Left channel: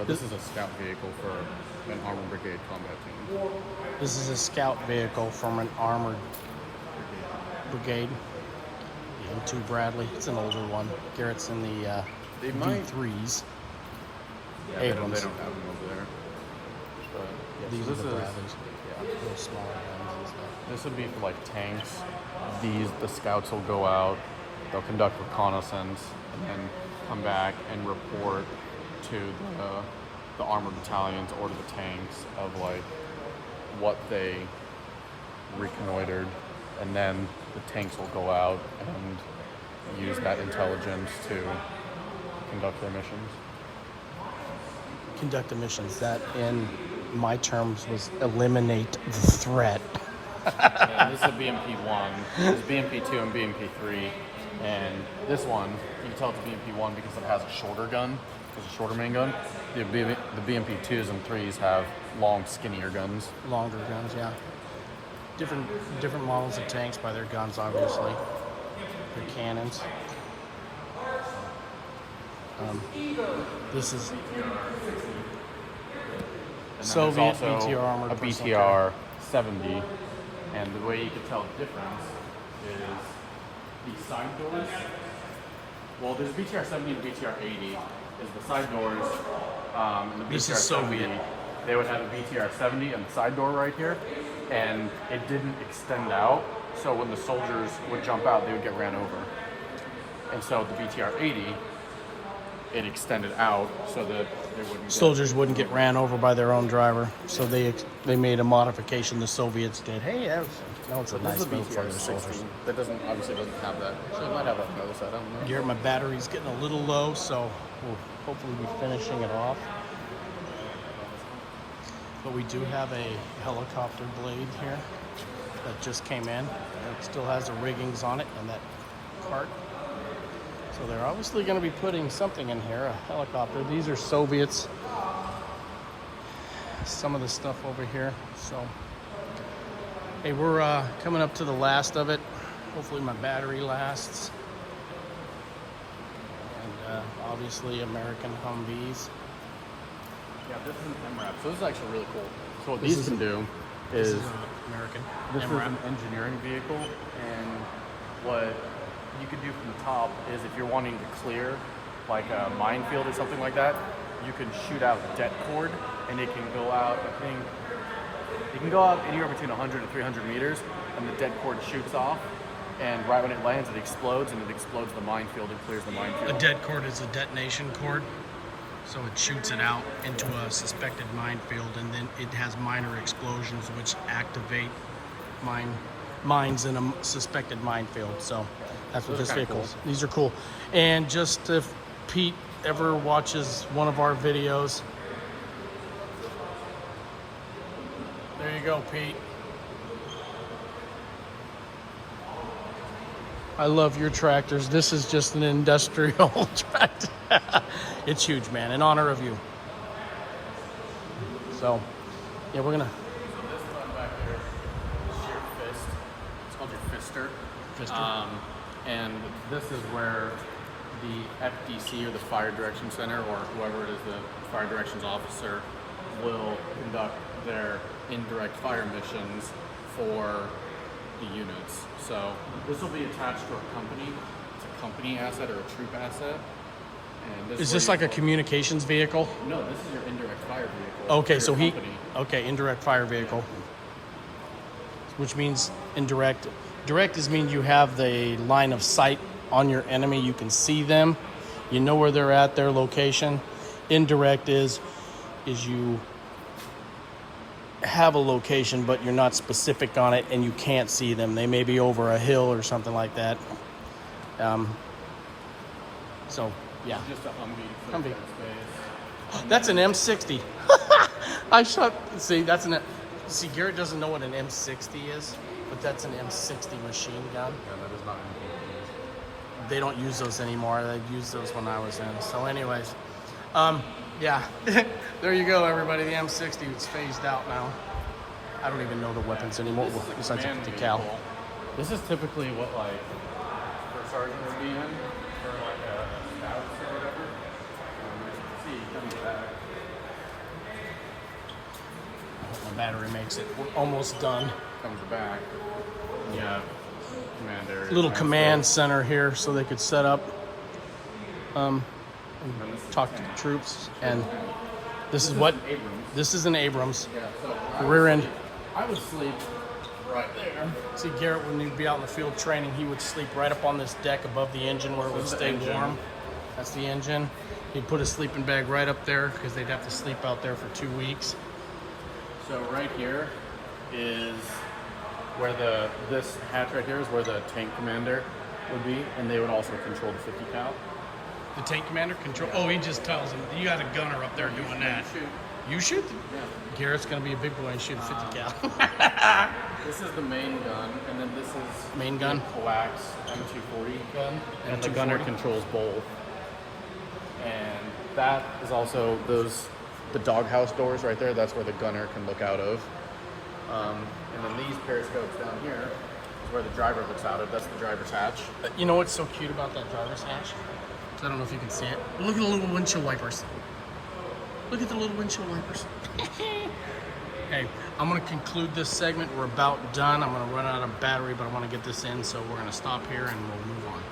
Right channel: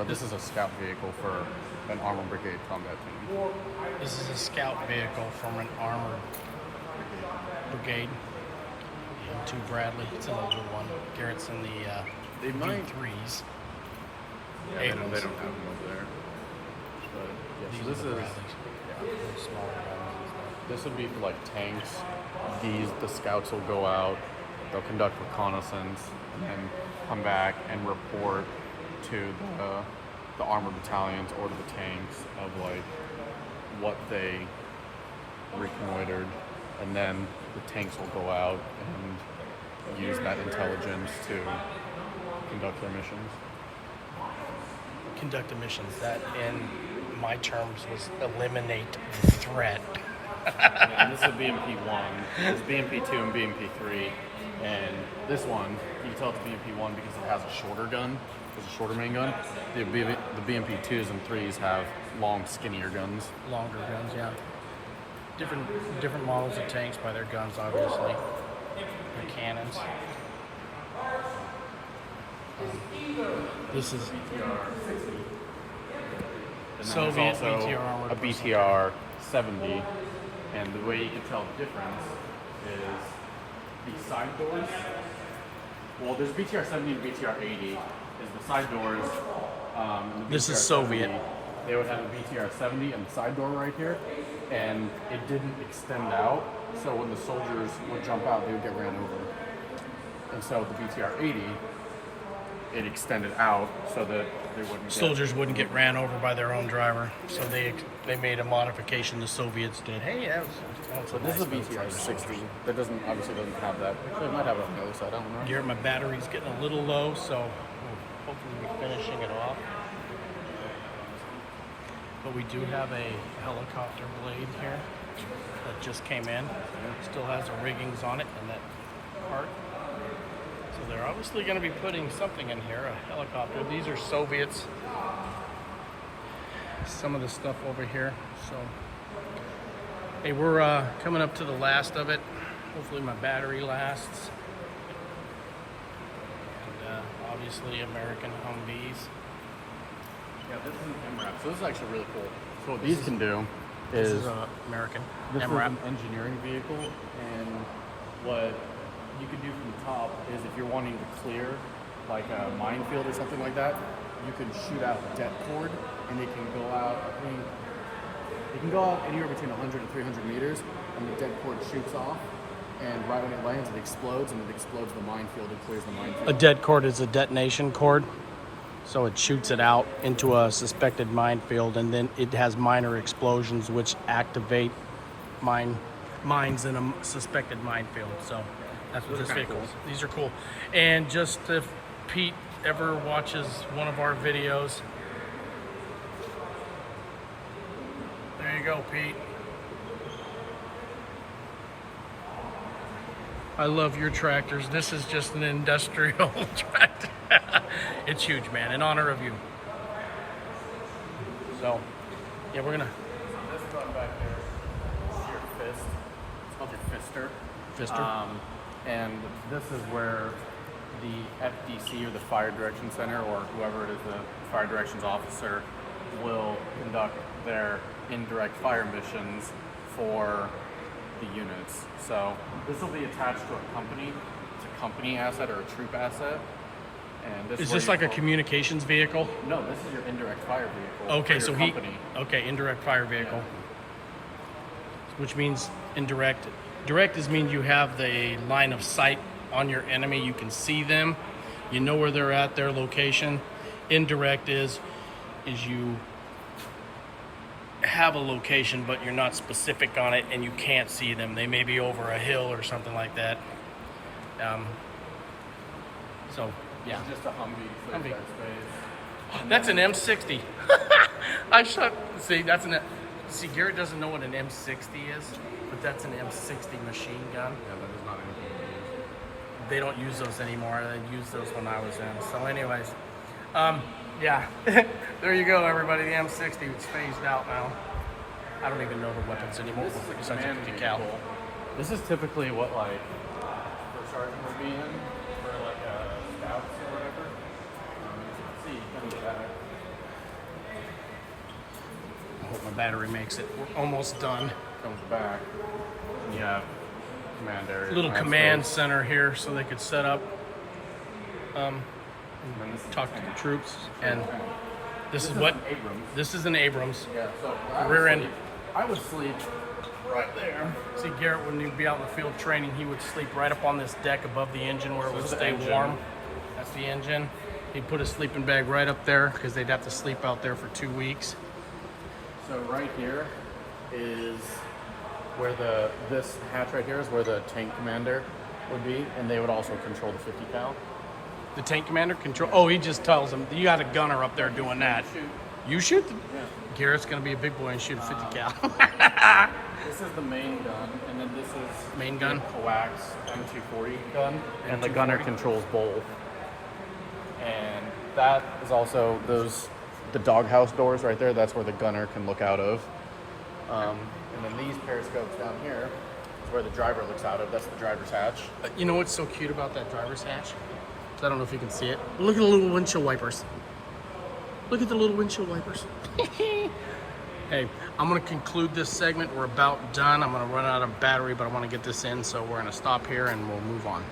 So this is a scout vehicle for an armored brigade combat team. This is a scout vehicle from an armored brigade. M2 Bradley. It's an older one. Garrett's in the V3s. They don't Abrams. have them over there. But, yeah, These so are the this is- Bradleys. The smaller ones and stuff. This would be for like tanks. The scouts will go out, they'll conduct reconnaissance, and then come back and report to the armored battalions or to the tanks of like what they reconnoitered, and then the tanks will go out and use that intelligence to conduct their missions. Conduct missions. That, in my terms, was eliminate the threat. And this is a BMP-1, this is BMP-2 and BMP-3, and this one, you can tell it's BMP-1 because it has a shorter gun, it's a shorter main gun. The BMP-2s and 3s have long, skinnier guns. Longer guns, yeah. Different models of tanks by their guns, obviously. Their cannons. This is And Soviet then there's also BTR armored a BTR-70, and the way you can tell the difference is the side doors. Well, there's BTR-70 and BTR-80. Is the side doors. And the This is BTR-70, Soviet. They would have a BTR-70 and the side door right here, and it didn't extend out. So when the soldiers would jump out, they would get ran over. And so the BTR-80, it extended out so that they wouldn't. soldiers wouldn't get ran over by their own driver, so they made a modification. The Soviets did. Hey, that's a This nice is a move for the BTR-60. soldiers. That doesn't have that. So it might have it on the other side. I don't know. Here, my battery's getting a little low, so we'll hopefully be finishing it off. But we do have a helicopter blade here that just came in. It still has the riggings on it and that cart. So they're obviously going to be putting something in here, a helicopter. These are Soviets. Some of the stuff over here. So, hey, we're coming up to the last of it. Hopefully my battery lasts. And obviously American Humvees. So this is actually really cool. So what these can do This is is American. this is MRAP. an engineering vehicle, and what you could do from the top is if you're wanting to clear like a minefield or something like that, you can shoot out the det cord, and it can go out, I think, it can go out anywhere between 100 and 300 meters, and the det cord shoots off, and right when it lands, it explodes, and it explodes the minefield and clears the minefield. A det cord is a detonation cord, so it shoots it out into a suspected minefield, and then it has minor explosions which activate mines in a suspected minefield. So that's what Those this are kinda vehicle is. cool. These are cool. And just if Pete ever watches one of our videos, there you go, Pete. I love your tractors. This is just an industrial tractor. It's huge, man. In honor of you. So, yeah, we're gonna This button back here is your fist. It's called your fister. Fister. And this is where the FDC or the Fire Direction Center or whoever it is, the Fire Directions Officer, will conduct their indirect fire missions for the units. So this will be attached to a company. It's a company asset or a troop asset. And this Is where this you like a will- communications vehicle? No, this is your indirect fire vehicle. Okay, for so your company. okay, indirect fire vehicle, which means indirect. Direct is means you have the line of sight on your enemy. You can see them. You know where they're at, their location. Indirect is you have a location, but you're not specific on it, and you can't see them. They may be over a hill or something like that. So yeah. Just a Humvee. Humvee. Space. That's an M60. See, Garrett doesn't know what an M60 is, but that's an M60 machine gun. They don't use those anymore. They used those when I was in. So anyways, yeah, there you go, everybody. The M60 is phased out now. I don't even know the weapons anymore This is a besides a command 50 cal. vehicle. This is typically what like first sergeant would be in for like a scouts or whatever. As you can see, coming back. I hope the battery makes it. We're almost done. Comes back. Yeah. Commander. Little command center here so they could set up, and talk to the troops. And this is what, this is an Abrams. Yeah. So Rear end. I would sleep right there. See, Garrett, when he'd be out in the field training, he would sleep right up on this deck above the engine where it would stay warm. That's the engine. He'd put his sleeping bag right up there because they'd have to sleep out there for 2 weeks. So right here is where this hatch right here is where the tank commander would be, and they would also control the 50 cal. The tank commander control. Oh, he just tells them you got a gunner up there doing that. Shoot. You shoot. Yeah. Garrett's gonna be a big boy and shoot a 50 cal. This is the main gun, and then this is Main gun? the coax M240 gun, and the M240? gunner controls both. And that is also the doghouse doors right there. That's where the gunner can look out of. And then these periscopes down here is where the driver looks out of. That's the driver's hatch. You know what's so cute about that driver's hatch? So I don't know if you can see it. Look at the little windshield wipers. Look at the little windshield wipers. Hey, I'm gonna conclude this segment. We're about done. I'm gonna run out of battery, but I wanna get this in, so we're gonna stop here and we'll move on.